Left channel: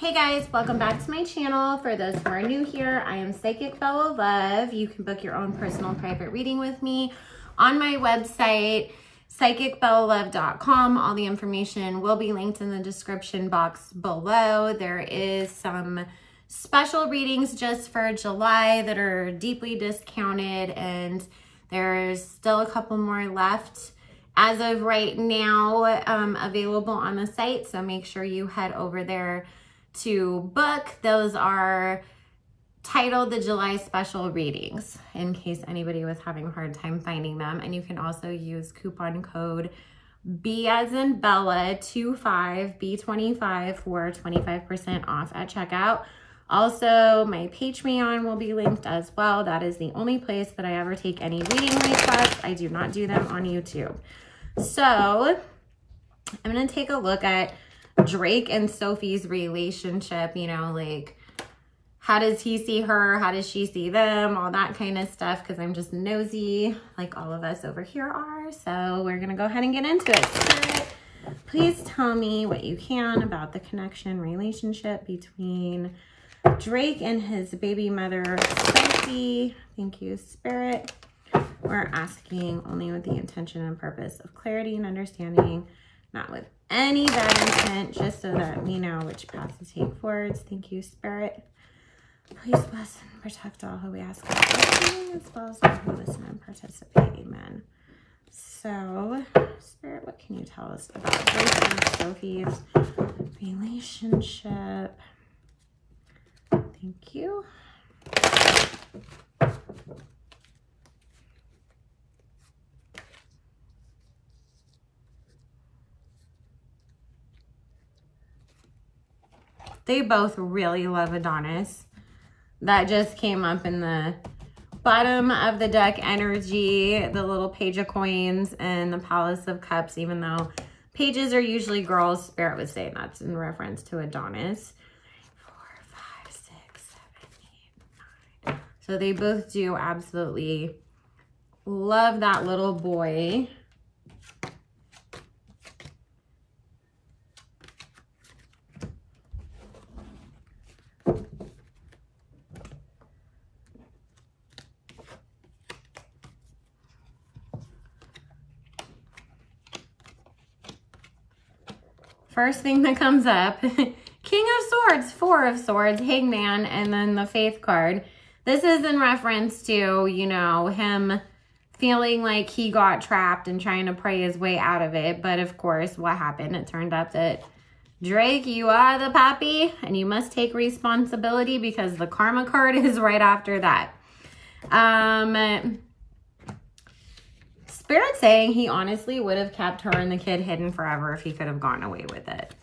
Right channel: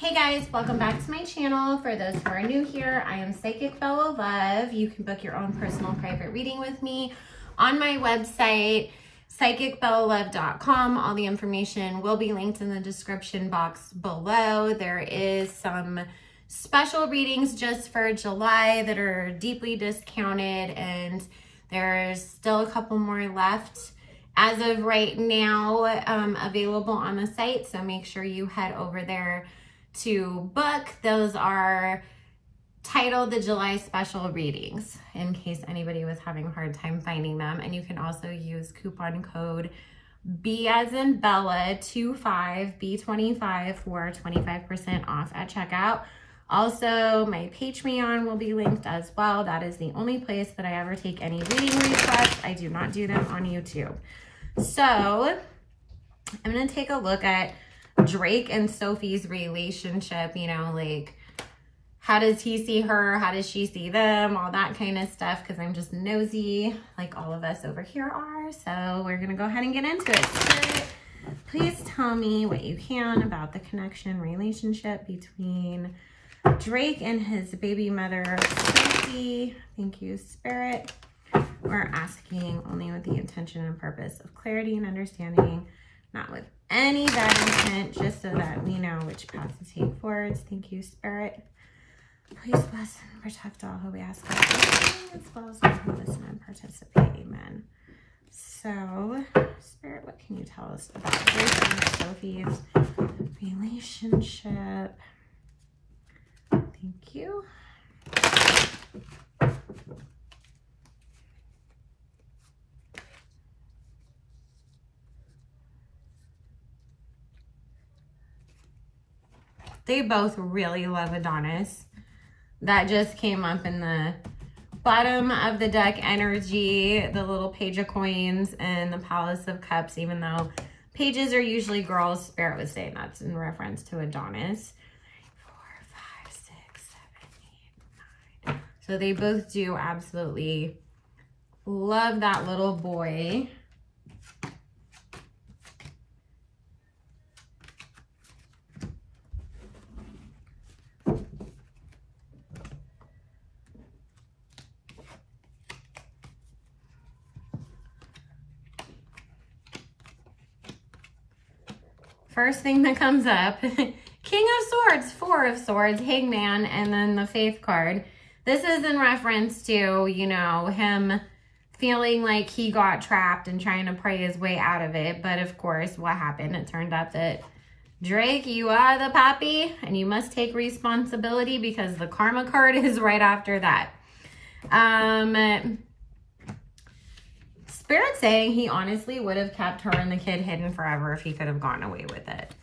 Hey guys, welcome back to my channel. For those who are new here, I am Psychic Bella Love. You can book your own personal private reading with me on my website, psychicbellalove.com. All the information will be linked in the description box below. There is some special readings just for July that are deeply discounted, and there's still a couple more left as of right now available on the site. So make sure you head over there to book. Those are titled the July special readings in case anybody was having a hard time finding them. And you can also use coupon code B as in Bella 25 B25 for 25% off at checkout. Also, my Patreon will be linked as well. That is the only place that I ever take any reading requests. I do not do them on YouTube. So I'm going to take a look at Drake and Sophie's relationship, you know, like how does he see her? How does she see them? All that kind of stuff, because I'm just nosy like all of us over here are. So we're going to go ahead and get into it. Spirit, please tell me what you can about the connection relationship between Drake and his baby mother, Sophie. Thank you, Spirit. We're asking only with the intention and purpose of clarity and understanding, not with any bad intent, just so that we know which path to take forwards. Thank you, Spirit. Please bless and protect all who we ask for blessing, as well as all who listen and participate. Amen. So, Spirit, what can you tell us about Drake and Sophie's relationship? Thank you. They both really love Adonis. That just came up in the bottom of the deck energy, the little page of coins and the palace of cups, even though pages are usually girls. Spirit was saying that's in reference to Adonis. 4, 5, 6, 7, 8, 9. So they both do absolutely love that little boy. First thing that comes up, King of Swords, 4 of Swords, Hangman, and then the Faith card. This is in reference to, you know, him feeling like he got trapped and trying to pray his way out of it. But of course, what happened? It turned out that Drake, you are the pappy and you must take responsibility, because the karma card is right after that. Spirit saying he honestly would have kept her and the kid hidden forever if he could have gotten away with it.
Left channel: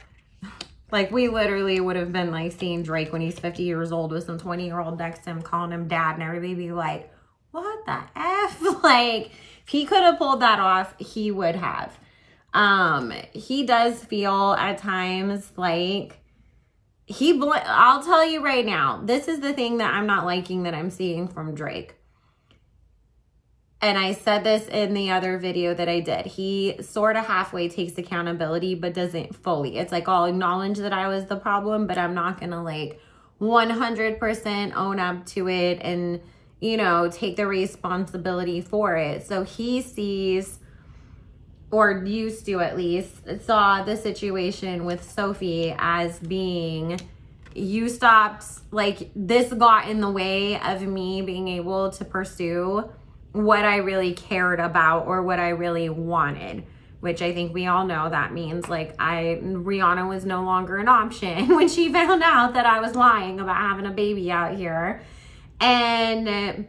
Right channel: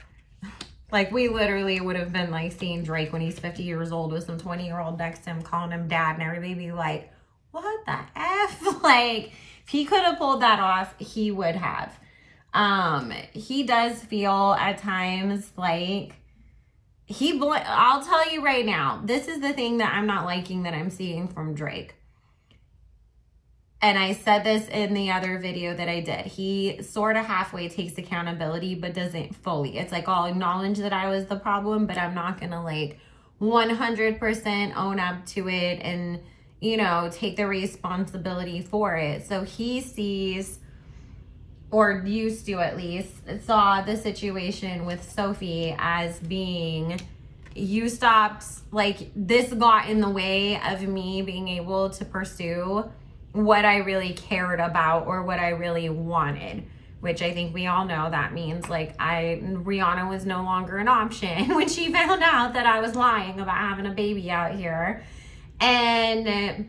Like, we literally would have been like seeing Drake when he's 50 years old with some 20-year-old next to him calling him dad, and everybody be like, what the F? Like, if he could have pulled that off, he would have. He does feel at times like I'll tell you right now, this is the thing that I'm not liking that I'm seeing from Drake. And I said this in the other video that I did. He sort of halfway takes accountability, but doesn't fully. It's like, I'll acknowledge that I was the problem, but I'm not going to like 100% own up to it and, you know, take the responsibility for it. So he sees, or used to at least, saw the situation with Sophie as being, you stopped, like, this got in the way of me being able to pursue what I really cared about or what I really wanted, which I think we all know that means like Rihanna was no longer an option when she found out that I was lying about having a baby out here. And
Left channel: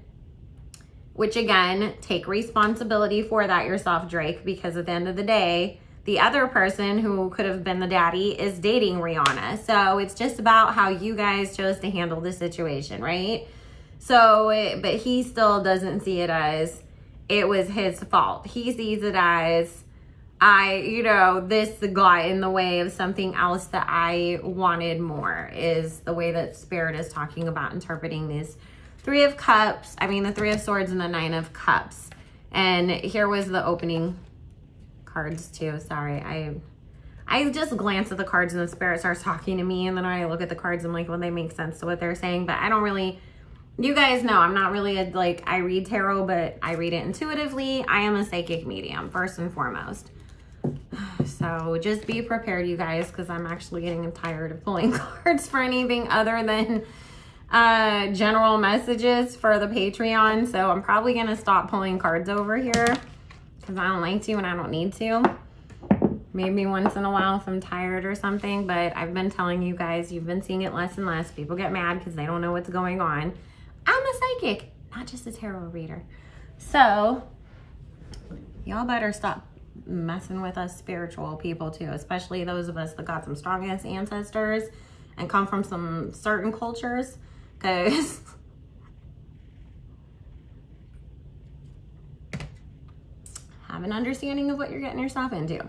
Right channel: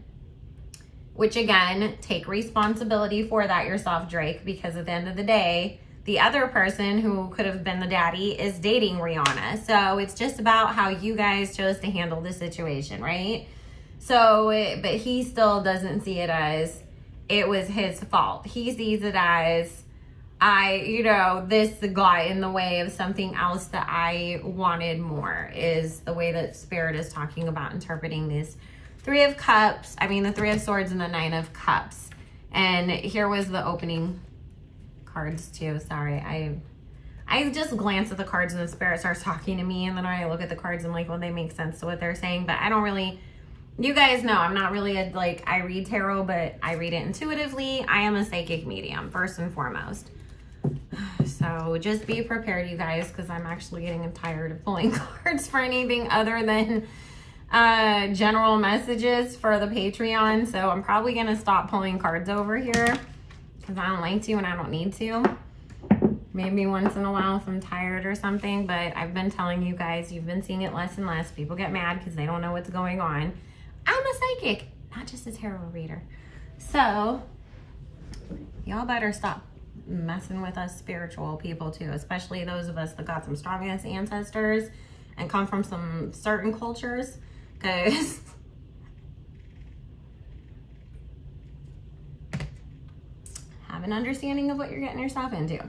which again, take responsibility for that yourself, Drake, because at the end of the day, the other person who could have been the daddy is dating Rihanna. So it's just about how you guys chose to handle the situation, right? So, but he still doesn't see it as it was his fault. He sees it as, you know, this got in the way of something else that I wanted more, is the way that Spirit is talking about interpreting these 3 of Cups. I mean, the 3 of Swords and the 9 of Cups. And here was the opening cards too. Sorry, I just glance at the cards and the spirit starts talking to me, and then I look at the cards and I'm like, well, they make sense to what they're saying, but I don't really, you guys know I'm not really like, I read tarot, but I read it intuitively. I am a psychic medium, first and foremost. So just be prepared, you guys, because I'm actually getting tired of pulling cards for anything other than general messages for the Patreon. So I'm probably going to stop pulling cards over here because I don't like to and I don't need to. Maybe once in a while if I'm tired or something, but I've been telling you guys, you've been seeing it less and less. People get mad because they don't know what's going on. I'm a psychic, not just a tarot reader. So y'all better stop messing with us spiritual people too, especially those of us that got some strong ass ancestors and come from some certain cultures, because have an understanding of what you're getting yourself into.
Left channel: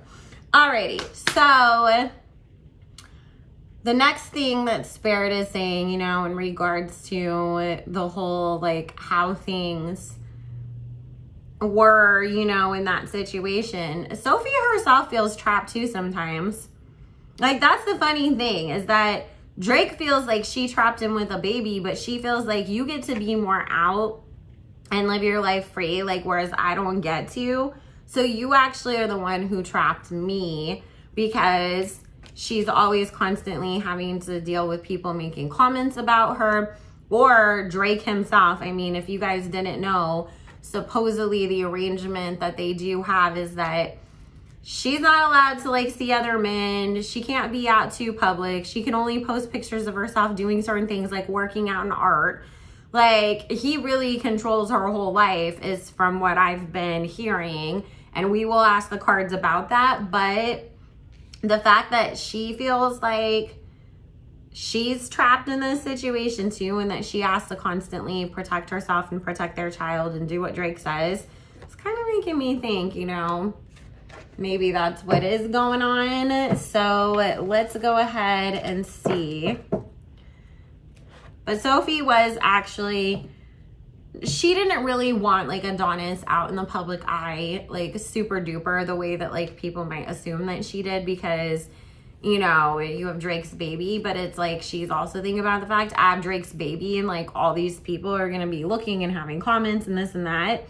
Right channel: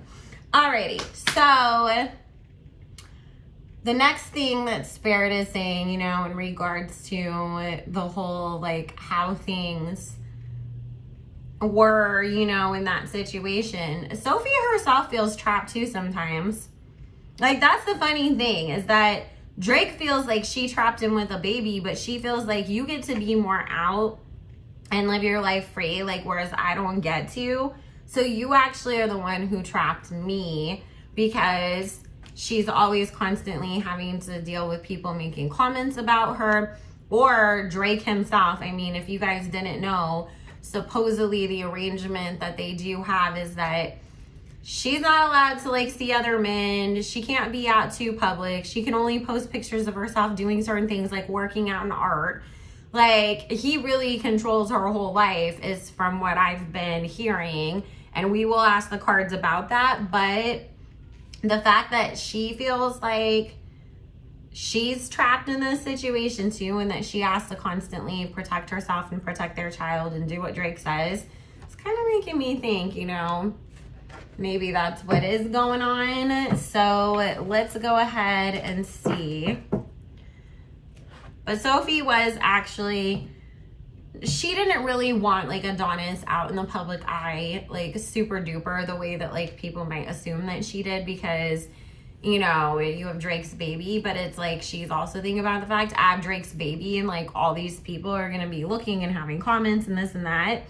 Alrighty, so the next thing that Spirit is saying, you know, in regards to the whole, like, how things were, you know, in that situation, Sophie herself feels trapped too sometimes. Like, that's the funny thing, is that Drake feels like she trapped him with a baby, but she feels like you get to be more out and live your life free, like, whereas I don't get to. So you actually are the one who trapped me, because she's always constantly having to deal with people making comments about her, or Drake himself. I mean, if you guys didn't know, supposedly the arrangement that they do have is that she's not allowed to, like, see other men. She can't be out too public. She can only post pictures of herself doing certain things, like working out in art. Like, he really controls her whole life, is from what I've been hearing. And we will ask the cards about that. But the fact that she feels like she's trapped in this situation too, and that she has to constantly protect herself and protect their child and do what Drake says, it's kind of making me think, you know, maybe that's what is going on. So let's go ahead and see. But Sophie was actually, she didn't really want, like, Adonis out in the public eye, like, super duper, the way that, like, people might assume that she did, because, you know, you have Drake's baby. But it's like, she's also thinking about the fact, I have Drake's baby, and, like, all these people are going to be looking and having comments and this and that.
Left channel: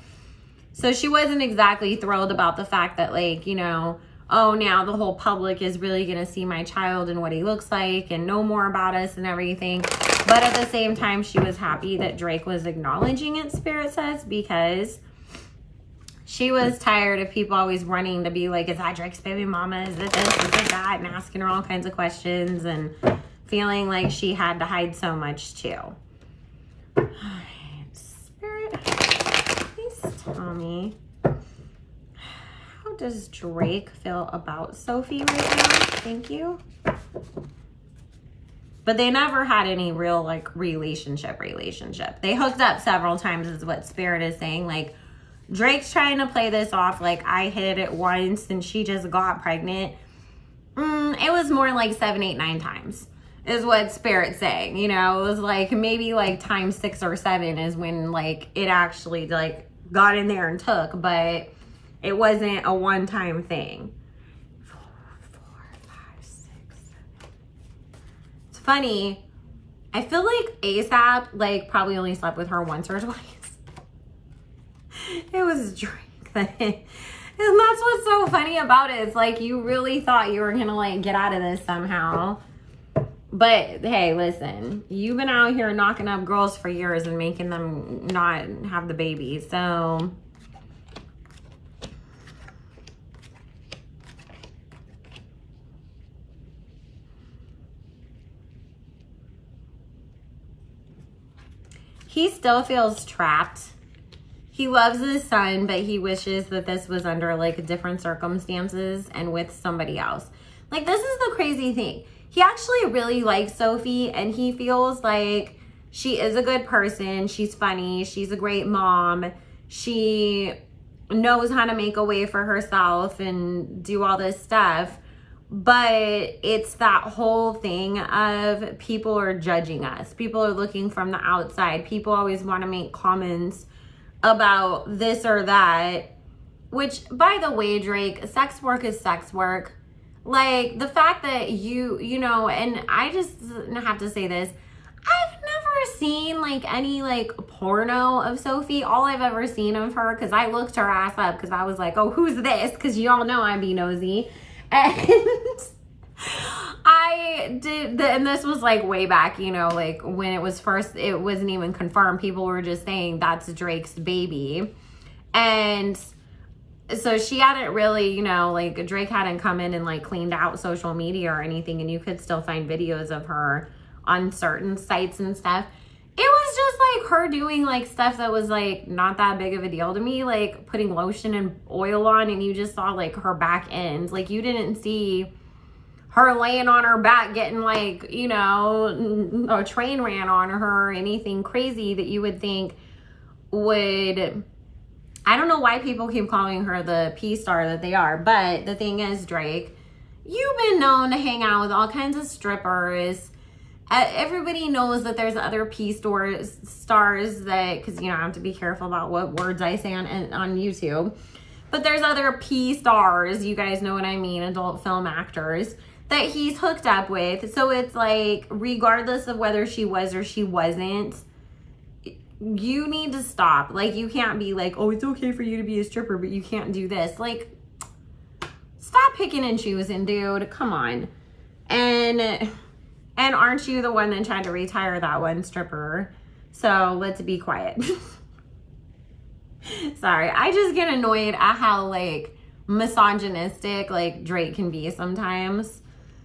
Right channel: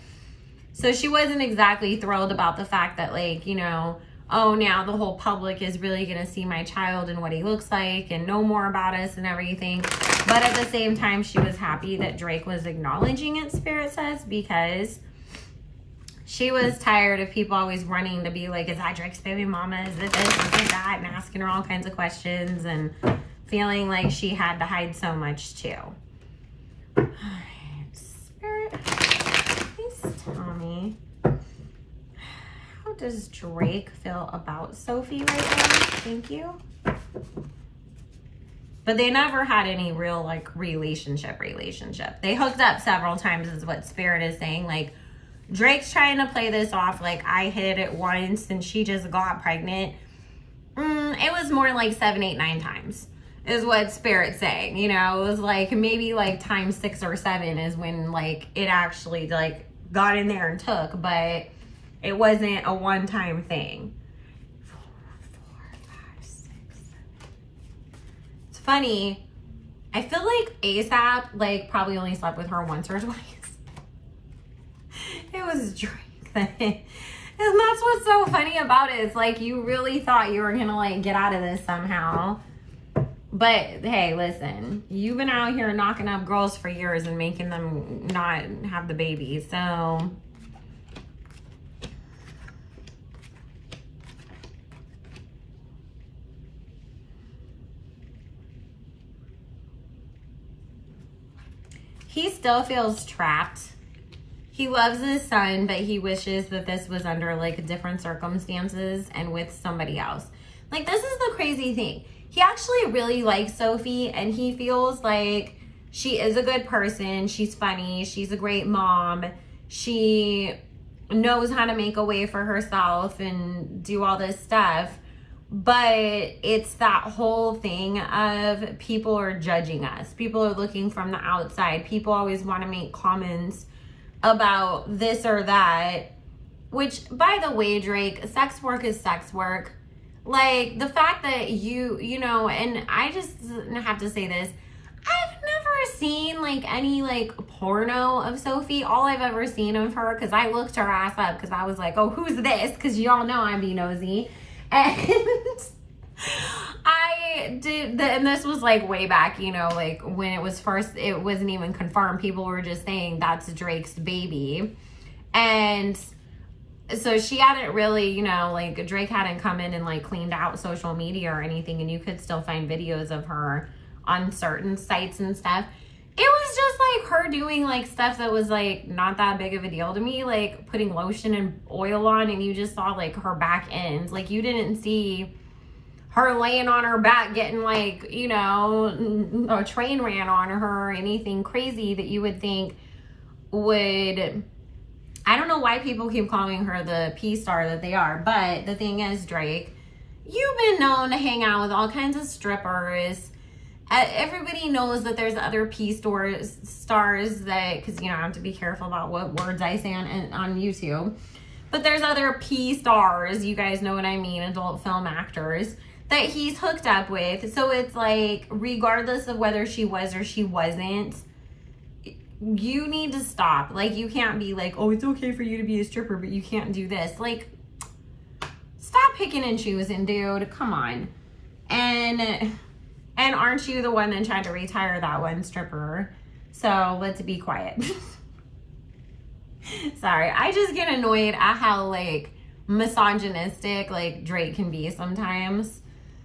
So she wasn't exactly thrilled about the fact that, like, you know, oh, now the whole public is really going to see my child and what he looks like and know more about us and everything. But at the same time, she was happy that Drake was acknowledging it, Spirit says, because she was tired of people always running to be like, is that Drake's baby mama? Is it this? Is it that? And asking her all kinds of questions and feeling like she had to hide so much too. All right, Spirit, please tell me, how does Drake feel about Sophie right now? Thank you. But they never had any real, like, relationship. They hooked up several times, is what Spirit is saying. Like, Drake's trying to play this off like I hit it once and she just got pregnant. It was more like 7, 8, 9 times is what Spirit's saying. You know, it was like maybe like times 6 or 7 is when, like, it actually, like, got in there and took, but it wasn't a one-time thing. Funny, I feel like ASAP, like, probably only slept with her once or twice. It was Drake thing. And that's what's so funny about it. It's like, you really thought you were gonna, like, get out of this somehow. But hey, listen, you've been out here knocking up girls for years and making them not have the baby, so he still feels trapped. He loves his son, but he wishes that this was under, like, different circumstances and with somebody else. Like, this is the crazy thing. He actually really likes Sophie, and he feels like she is a good person. She's funny. She's a great mom. She knows how to make a way for herself and do all this stuff. But it's that whole thing of people are judging us. People are looking from the outside. People always want to make comments about this or that. Which, by the way, Drake, sex work is sex work. Like, the fact that you know, and I just have to say this, I've never seen, like, any, like, porno of Sophie. All I've ever seen of her, because I looked her ass up, because I was like, oh, who's this? Because y'all know I'd be nosy. And I did, and this was, like, way back, you know, like, when it was first, it wasn't even confirmed. People were just saying that's Drake's baby. And so she hadn't really, you know, like, Drake hadn't come in and, like, cleaned out social media or anything, and you could still find videos of her on certain sites and stuff. It was just, like, her doing, like, stuff that was, like, not that big of a deal to me, like, putting lotion and oil on, and you just saw, like, her back ends. Like, you didn't see her laying on her back getting, like, you know, a train ran on her or anything crazy that you would think would... I don't know why people keep calling her the P-star that they are, but the thing is, Drake, you've been known to hang out with all kinds of strippers. Everybody knows that there's other P-stars that, because, you know, I have to be careful about what words I say on YouTube, but there's other P-stars, you guys know what I mean, adult film actors, that he's hooked up with. So it's like, regardless of whether she was or she wasn't, you need to stop. Like, you can't be like, oh, it's okay for you to be a stripper, but you can't do this. Like, stop picking and choosing, dude. Come on. And aren't you the one that tried to retire that one stripper? So let's be quiet. Sorry, I just get annoyed at how, like, misogynistic, like, Drake can be sometimes.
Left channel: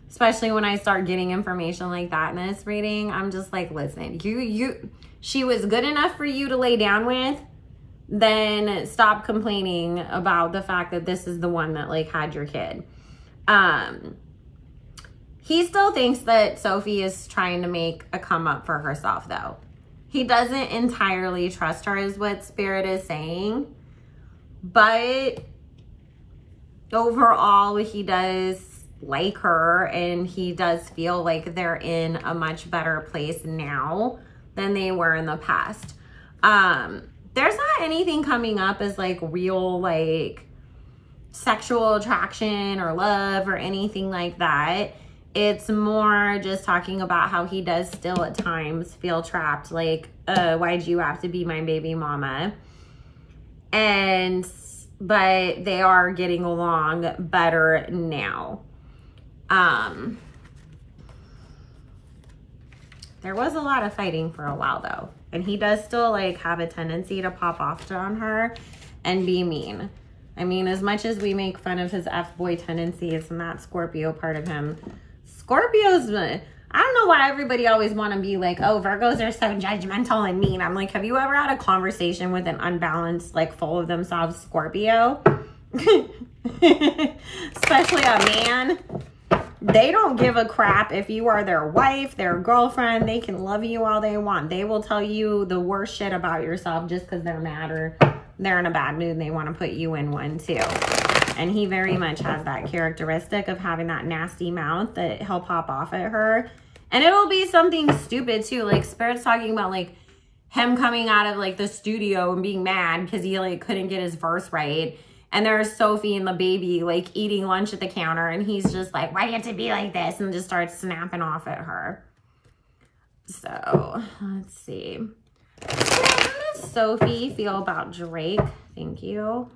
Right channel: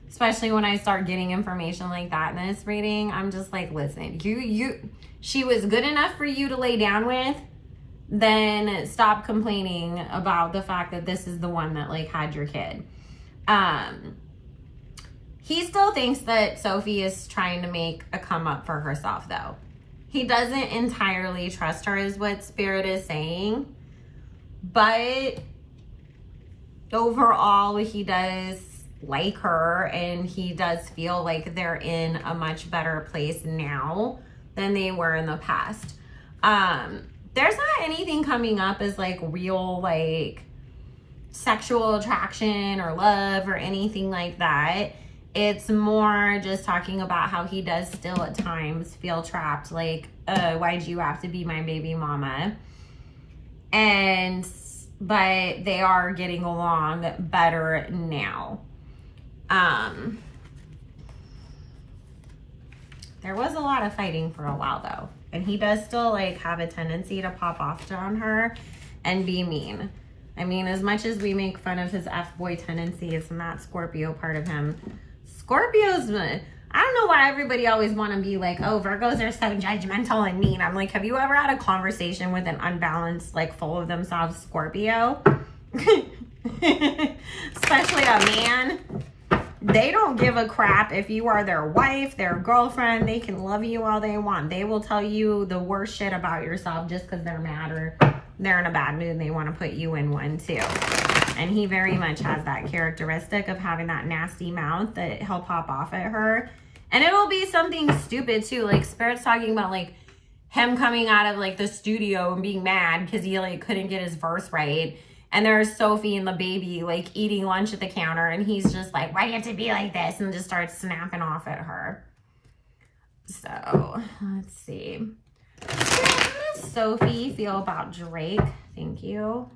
Especially when I start getting information like that in this reading. I'm just like, listen, she was good enough for you to lay down with, then stop complaining about the fact that this is the one that, like, had your kid. He still thinks that Sophie is trying to make a come up for herself, though. He doesn't entirely trust her, is what Spirit is saying. But overall, he does like her, and he does feel like they're in a much better place now than they were in the past. There's not anything coming up as, like, real, like, sexual attraction or love or anything like that. It's more just talking about how he does still at times feel trapped, like, why'd you have to be my baby mama? But they are getting along better now. There was a lot of fighting for a while, though. And he does still, like, have a tendency to pop off on her and be mean. I mean, as much as we make fun of his F-boy tendencies and that Scorpio part of him, Scorpios, I don't know why everybody always want to be like, oh, Virgos are so judgmental and mean. I'm like, have you ever had a conversation with an unbalanced, like, full of themselves Scorpio? Especially a man. They don't give a crap if you are their wife, their girlfriend. They can love you all they want. They will tell you the worst shit about yourself just because they're mad or they're in a bad mood and they want to put you in one too. And he very much has that characteristic of having that nasty mouth that he'll pop off at her. And it'll be something stupid too. Like, Spirit's talking about, like, him coming out of, like, the studio and being mad because he, like, couldn't get his verse right. And there's Sophie and the baby, like, eating lunch at the counter. And he's just like, why do you have to be like this? And just starts snapping off at her. So, let's see. How does Sophie feel about Drake? Thank you.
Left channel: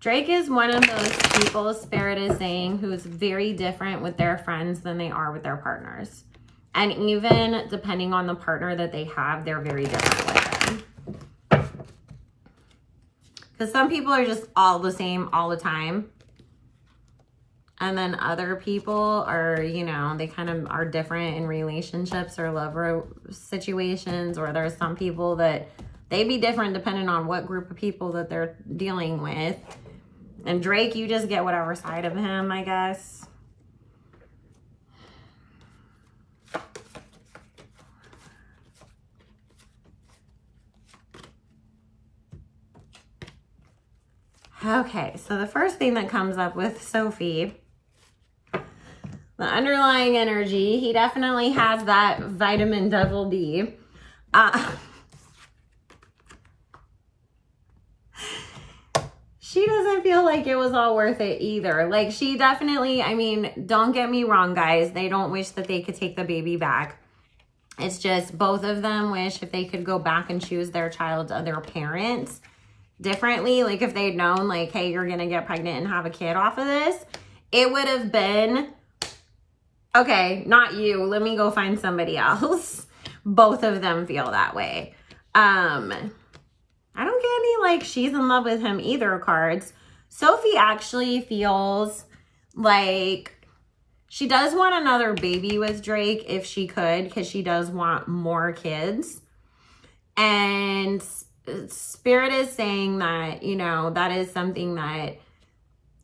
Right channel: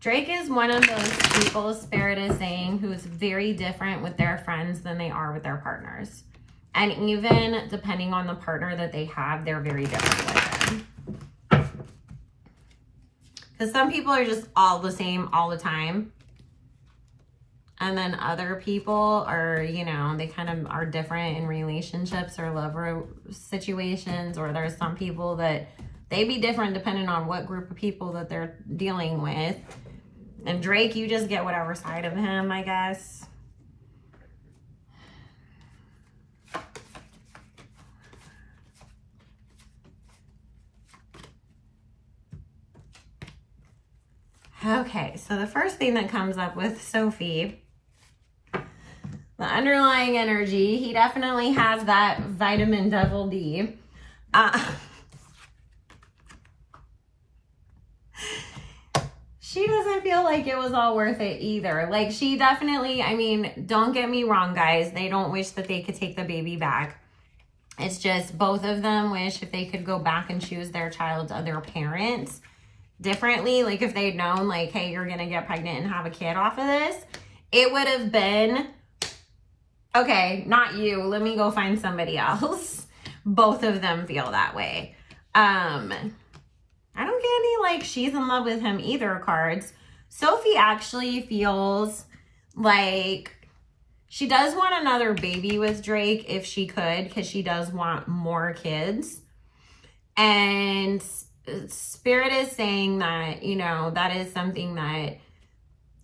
Drake is one of those people, Spirit is saying, who's very different with their friends than they are with their partners. And even depending on the partner that they have, they're very different with them. Because some people are just all the same all the time. And then other people are, you know, they kind of are different in relationships or love situations. Or there's some people that they be different depending on what group of people that they're dealing with. And Drake, you just get whatever side of him, I guess. Okay, so the first thing that comes up with Sophie, the underlying energy, he definitely has that vitamin double D. she doesn't feel like it was all worth it either. Like, she definitely, I mean, don't get me wrong, guys. They don't wish that they could take the baby back. It's just both of them wish if they could go back and choose their child's other parents differently. Like, if they'd known, like, hey, you're going to get pregnant and have a kid off of this, it would have been, okay, not you. Let me go find somebody else. Both of them feel that way. I don't get any, like, she's in love with him either cards. Sophie actually feels like she does want another baby with Drake if she could, because she does want more kids. And Spirit is saying that, you know, that is something that,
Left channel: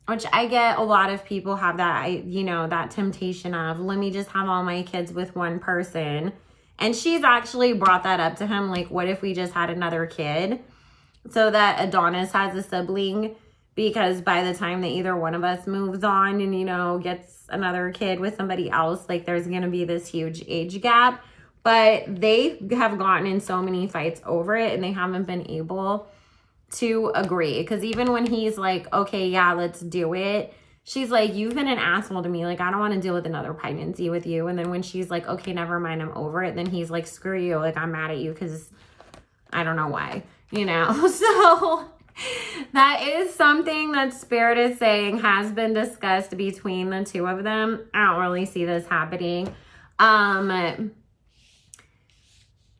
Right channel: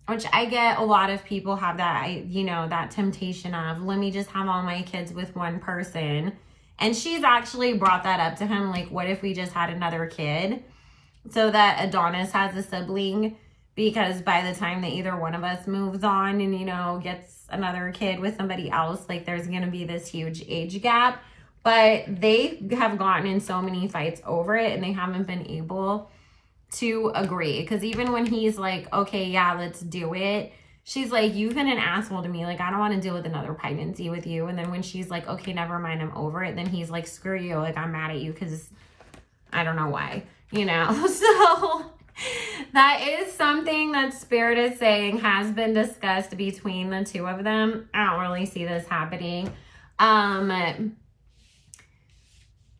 which I get, a lot of people have that, you know, that temptation of, let me just have all my kids with one person. And she's actually brought that up to him, like, what if we just had another kid so that Adonis has a sibling? Because by the time that either one of us moves on and, you know, gets another kid with somebody else, like, there's going to be this huge age gap. But they have gotten in so many fights over it, and they haven't been able to agree. Because even when he's like, okay, yeah, let's do it, she's like, you've been an asshole to me. Like, I don't want to deal with another pregnancy with you. And then when she's like, okay, never mind, I'm over it, then he's like, screw you. Like, I'm mad at you because I don't know why, you know? So that is something that Spirit is saying has been discussed between the two of them. I don't really see this happening.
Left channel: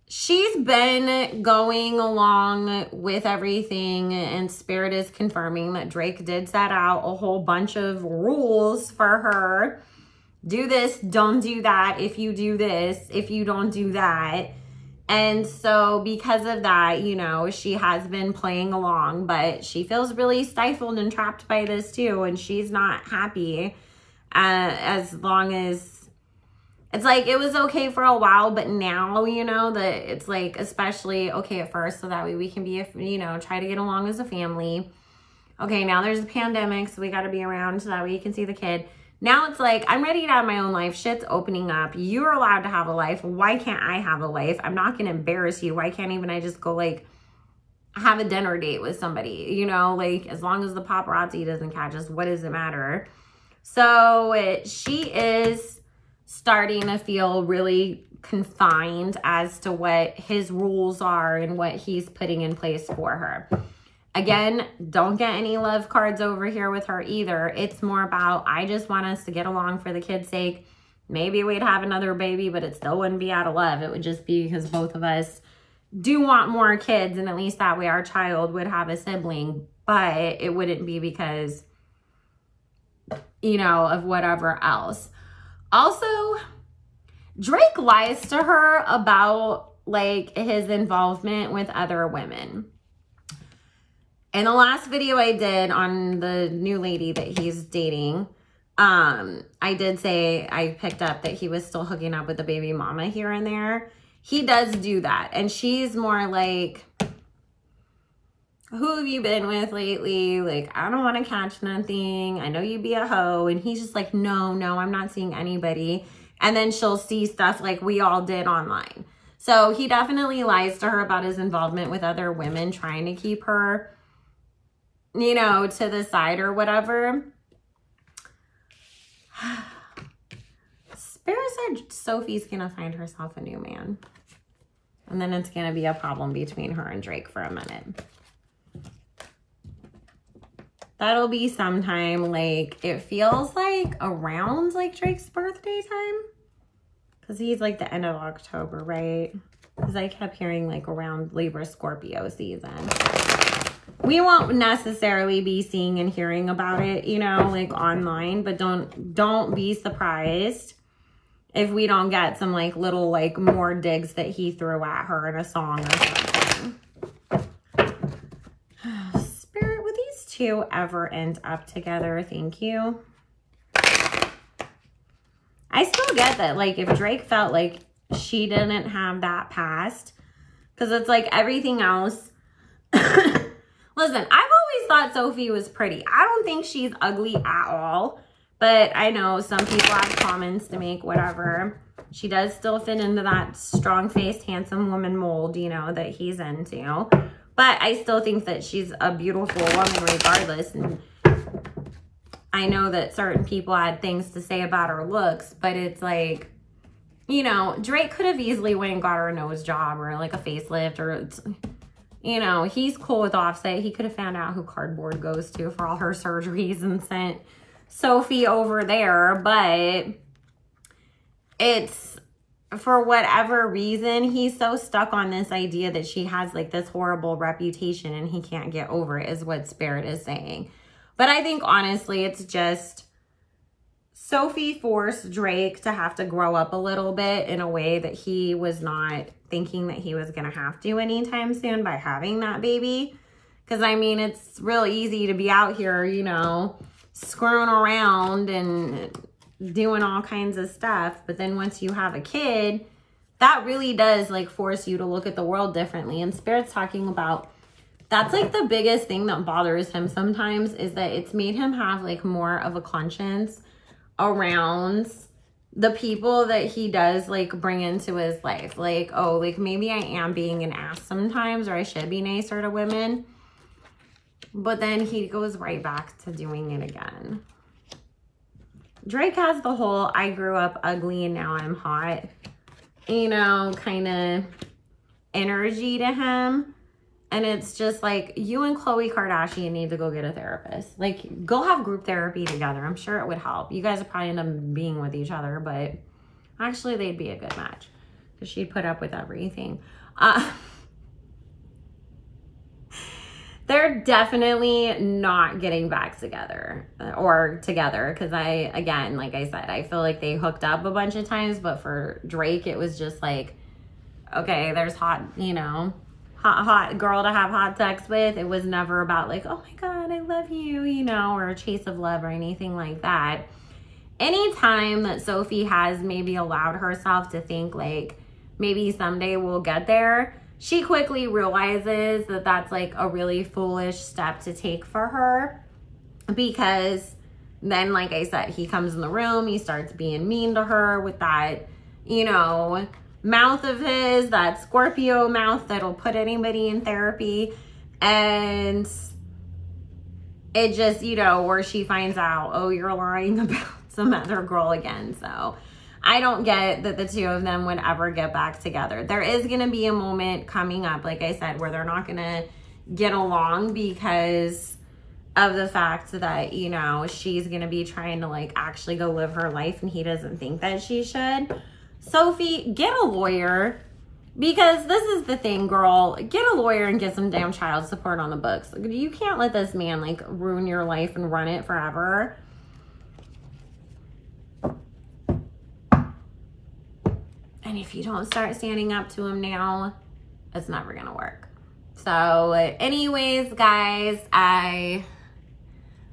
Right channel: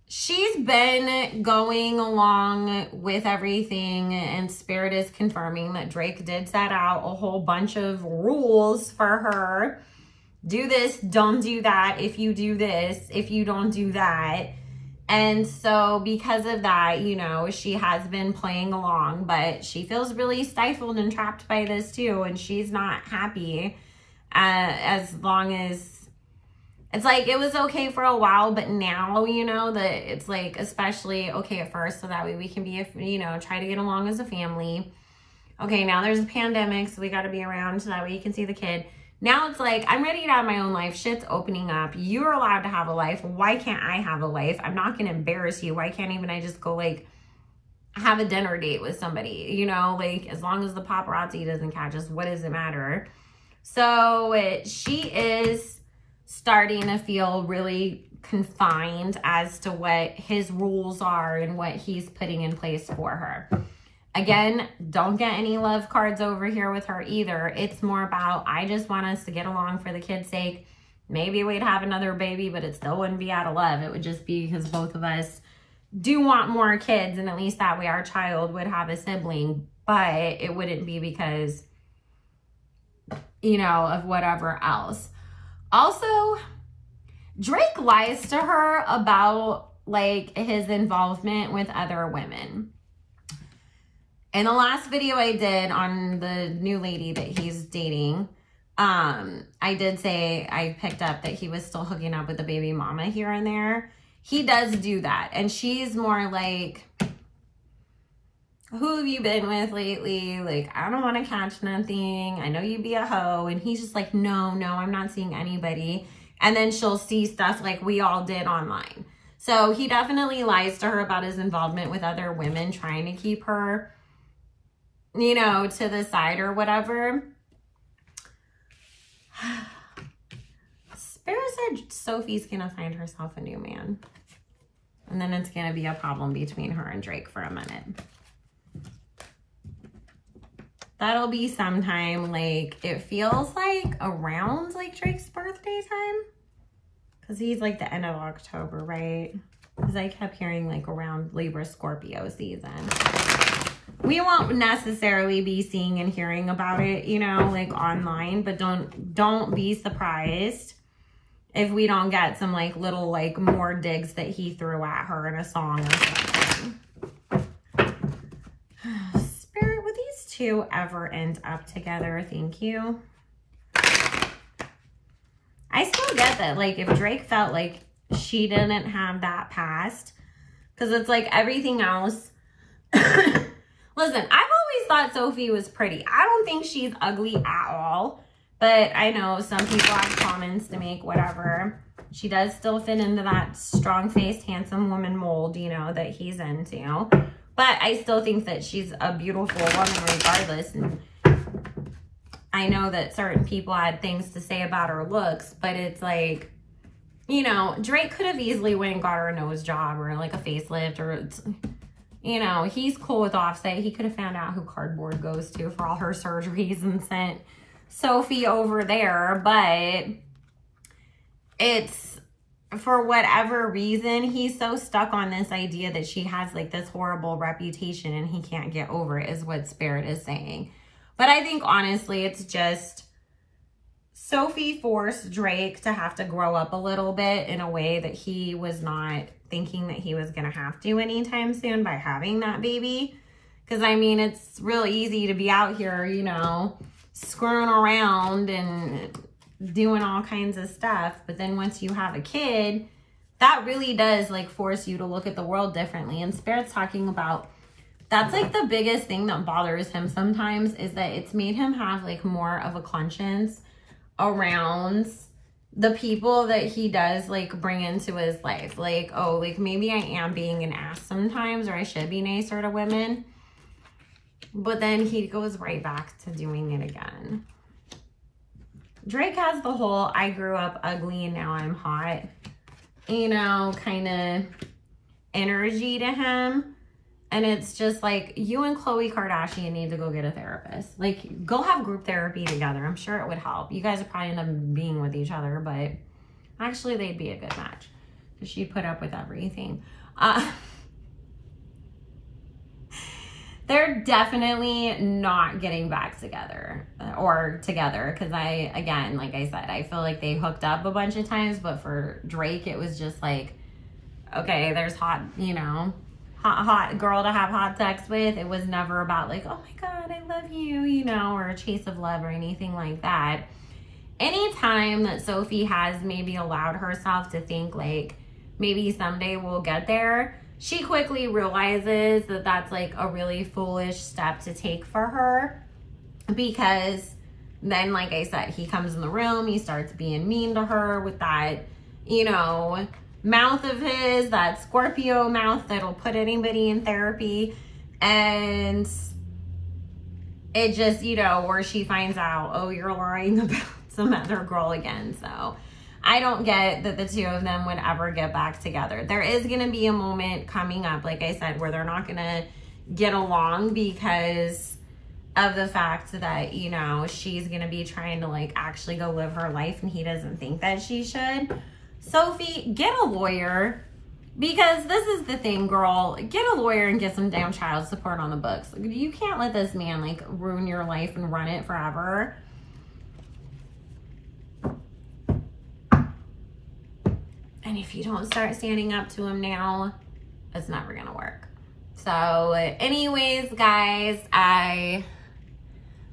She's been going along with everything, and Spirit is confirming that Drake did set out a whole bunch of rules for her. Do this, don't do that. If you do this, if you don't do that. And so because of that, you know, she has been playing along, but she feels really stifled and trapped by this too. And she's not happy as long as, it's like, it was okay for a while, but now, you know, that it's like, especially okay at first, so that way we can be, you know, try to get along as a family. Okay, now there's a pandemic, so we got to be around so that way you can see the kid. Now it's like, I'm ready to have my own life. Shit's opening up. You're allowed to have a life. Why can't I have a life? I'm not going to embarrass you. Why can't even I just go, like, have a dinner date with somebody? You know, like, as long as the paparazzi doesn't catch us, what does it matter? So she is starting to feel really confined as to what his rules are and what he's putting in place for her. Again, don't get any love cards over here with her either. It's more about, I just want us to get along for the kid's sake. Maybe we'd have another baby, but it still wouldn't be out of love. It would just be because both of us do want more kids, and at least that way our child would have a sibling. But it wouldn't be because, you know, of whatever else. Also, Drake lies to her about, like, his involvement with other women. In the last video I did on the new lady that he's dating, I did say I picked up that he was still hooking up with the baby mama here and there. He does do that. And she's more like, who have you been with lately? Like, I don't want to catch nothing. I know you be a hoe. And he's just like, no, I'm not seeing anybody. And then she'll see stuff like we all did online. So he definitely lies to her about his involvement with other women, trying to keep her, you know, to the side or whatever. Spirit said Sophie's gonna find herself a new man. And then it's gonna be a problem between her and Drake for a minute. That'll be sometime, like, it feels like around, like, Drake's birthday time. Because he's, like, the end of October, right? Because I kept hearing, like, around Libra Scorpio season. We won't necessarily be seeing and hearing about it, you know, like, online. But don't be surprised if we don't get some, like, little, like, more digs that he threw at her in a song or something. Spirit, would these two ever end up together? Thank you. I still get that, like, if Drake felt like she didn't have that past, because it's like everything else. Listen, I've always thought Sophie was pretty. I don't think she's ugly at all, but I know some people have comments to make, whatever. She does still fit into that strong-faced, handsome woman mold, you know, that he's into. But I still think that she's a beautiful woman regardless. And I know that certain people had things to say about her looks, but it's like, you know, Drake could have easily went and got her a nose job or like a facelift, or, you know, he's cool with Offset. He could have found out who Cardboard goes to for all her surgeries and sent Sophie over there. But it's, for whatever reason, he's so stuck on this idea that she has like this horrible reputation and he can't get over it, is what Spirit is saying. But I think honestly, it's just Sophie forced Drake to have to grow up a little bit in a way that he was not thinking that he was going to have to anytime soon by having that baby. Because I mean, it's real easy to be out here, you know, screwing around and doing all kinds of stuff. But then once you have a kid, that really does like force you to look at the world differently. And Spirit's talking about, that's like the biggest thing that bothers him sometimes, is that it's made him have like more of a conscience around the people that he does like bring into his life. Like, oh, like maybe I am being an ass sometimes, or I should be nicer to women. But then he goes right back to doing it again. Drake has the whole I grew up ugly and now I'm hot, you know, kind of energy to him. And it's just like, you and Khloe Kardashian need to go get a therapist. Like, go have group therapy together. I'm sure it would help. You guys would probably end up being with each other, but actually they'd be a good match because she'd put up with everything. They're definitely not getting back together or together, because again, like I said, I feel like they hooked up a bunch of times, but for Drake, it was just like, okay, there's hot, you know, hot girl to have hot sex with. It was never about like, oh my God, I love you, you know, or a chase of love or anything like that. Anytime that Sophie has maybe allowed herself to think like, maybe someday we'll get there, she quickly realizes that that's like a really foolish step to take for her, because then, like I said, he comes in the room, he starts being mean to her with that, you know, mouth of his, that Scorpio mouth that'll put anybody in therapy. And it just, you know, where she finds out, oh, you're lying about some other girl again. So I don't get that the two of them would ever get back together. There is going to be a moment coming up, like I said, where they're not going to get along because of the fact that, you know, she's going to be trying to like actually go live her life and he doesn't think that she should. Sophie, get a lawyer, because this is the thing, girl. Get a lawyer and get some damn child support on the books. You can't let this man like ruin your life and run it forever. And if you don't start standing up to him now, it's never gonna work. So anyways, guys, I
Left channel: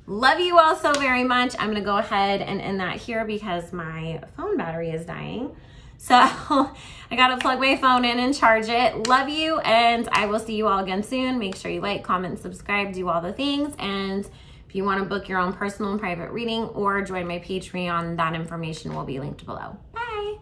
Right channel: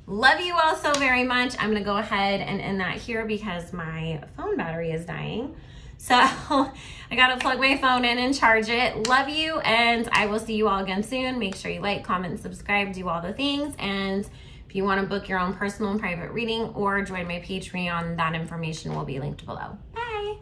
love you all so very much. I'm gonna go ahead and end that here because my phone battery is dying. So I gotta plug my phone in and charge it. Love you, and I will see you all again soon. Make sure you like, comment, subscribe, do all the things. And if you wanna book your own personal and private reading or join my Patreon, that information will be linked below. Bye.